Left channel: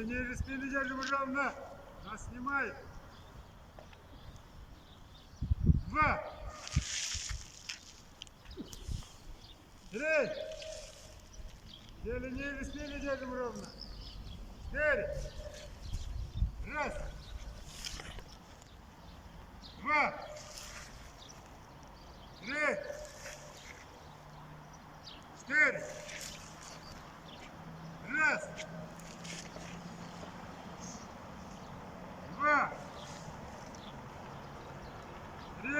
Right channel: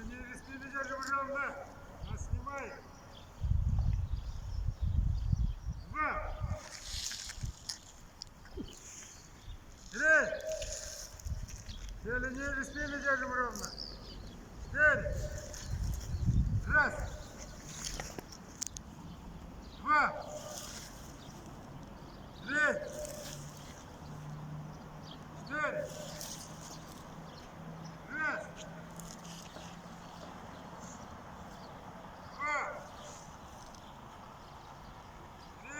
Или ниже спины держим ровно. Нас снимает. 2. 3. Или ниже спины держим ровно. 4. 1. 2. 3. 4. 1. 2. 3.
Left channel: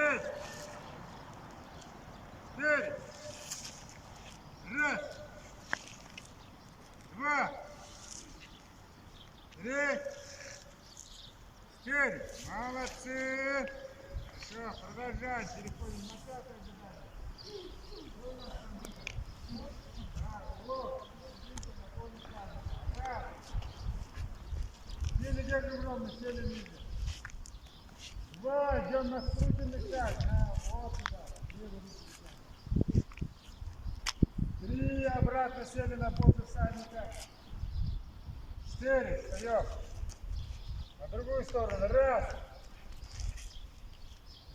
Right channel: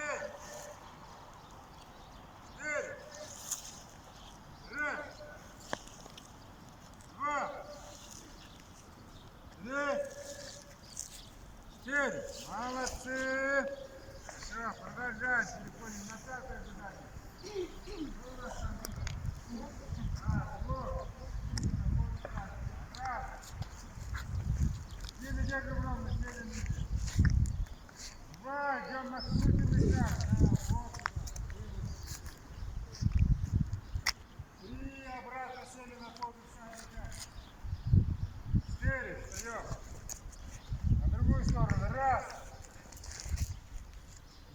4. 1. 2. 3. 4. Молодцы. Все, продолжаем. Переходим на пятое задание. Что у нас там? Вот. Раз. Еле держим ровно, еле ниже. 2. Идем на скрытый шаг. Вот туда. 3. Обратно сели на попу всадника. 4. Встаем. На другую сторону. 1.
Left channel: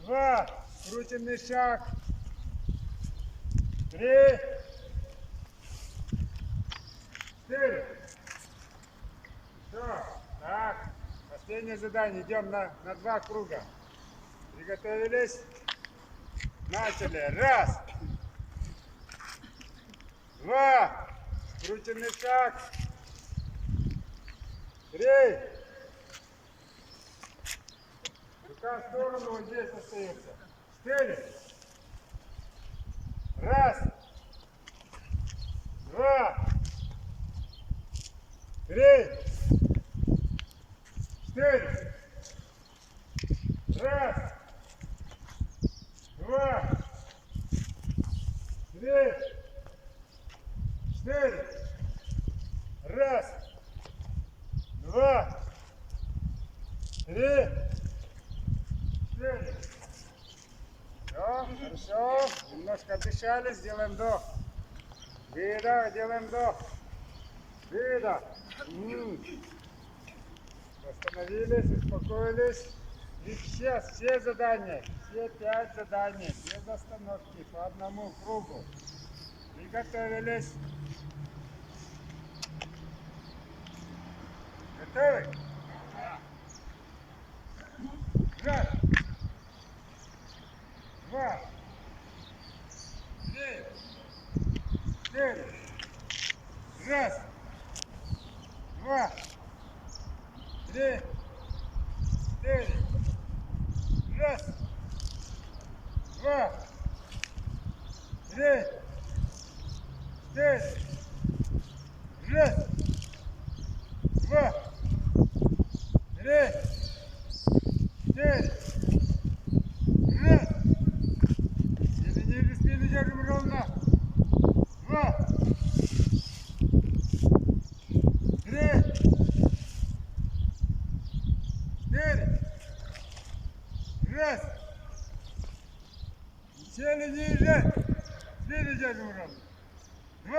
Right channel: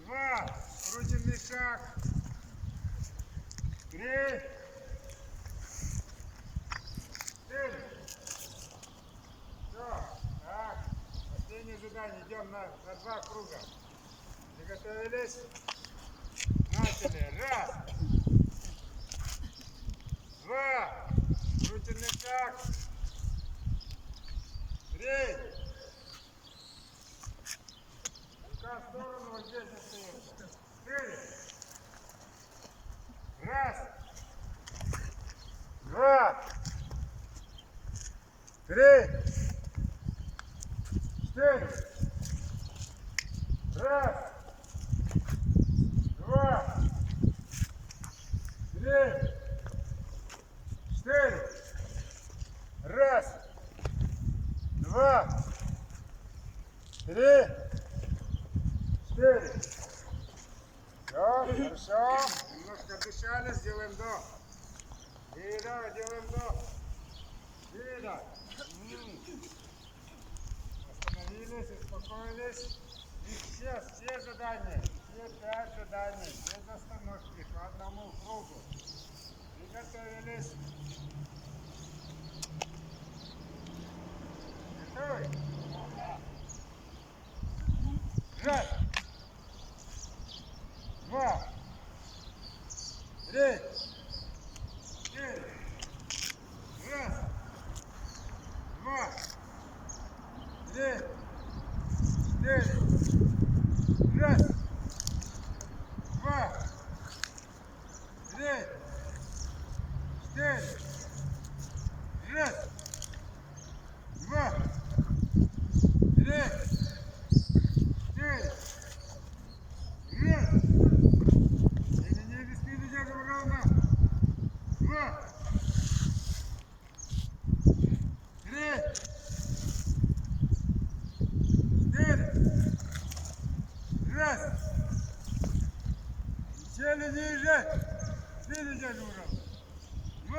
2. Крутенный шаг. 3. 4. Все. Так. Последнее задание. Идем на 2 круга. Приготовились. Начали. 1. 2. Крутенный шаг. 3. Рука в сторону, вот здесь остаемся. 4. 1. 2. 3. 4. 1. 2. 3. 4. 1. 2. 3. 4. Все, хорошо. Немножко отдышали, сделаем вдох. Выдох, делаем вдох. Выдох. Остановились, успокоились. И сейчас все задания, все 5 заданий, без остановки, по одному кругу. Приготовились. Готовы? Да. 1. 2. 3. 4. 1. 2. 3. 4. 1. 2. 3. 4. 1. 2. 3. 4. 1. Ниже спину держим ровно. 2. 3. 4. 1. Сели ниже. Спину держим ровно. 2.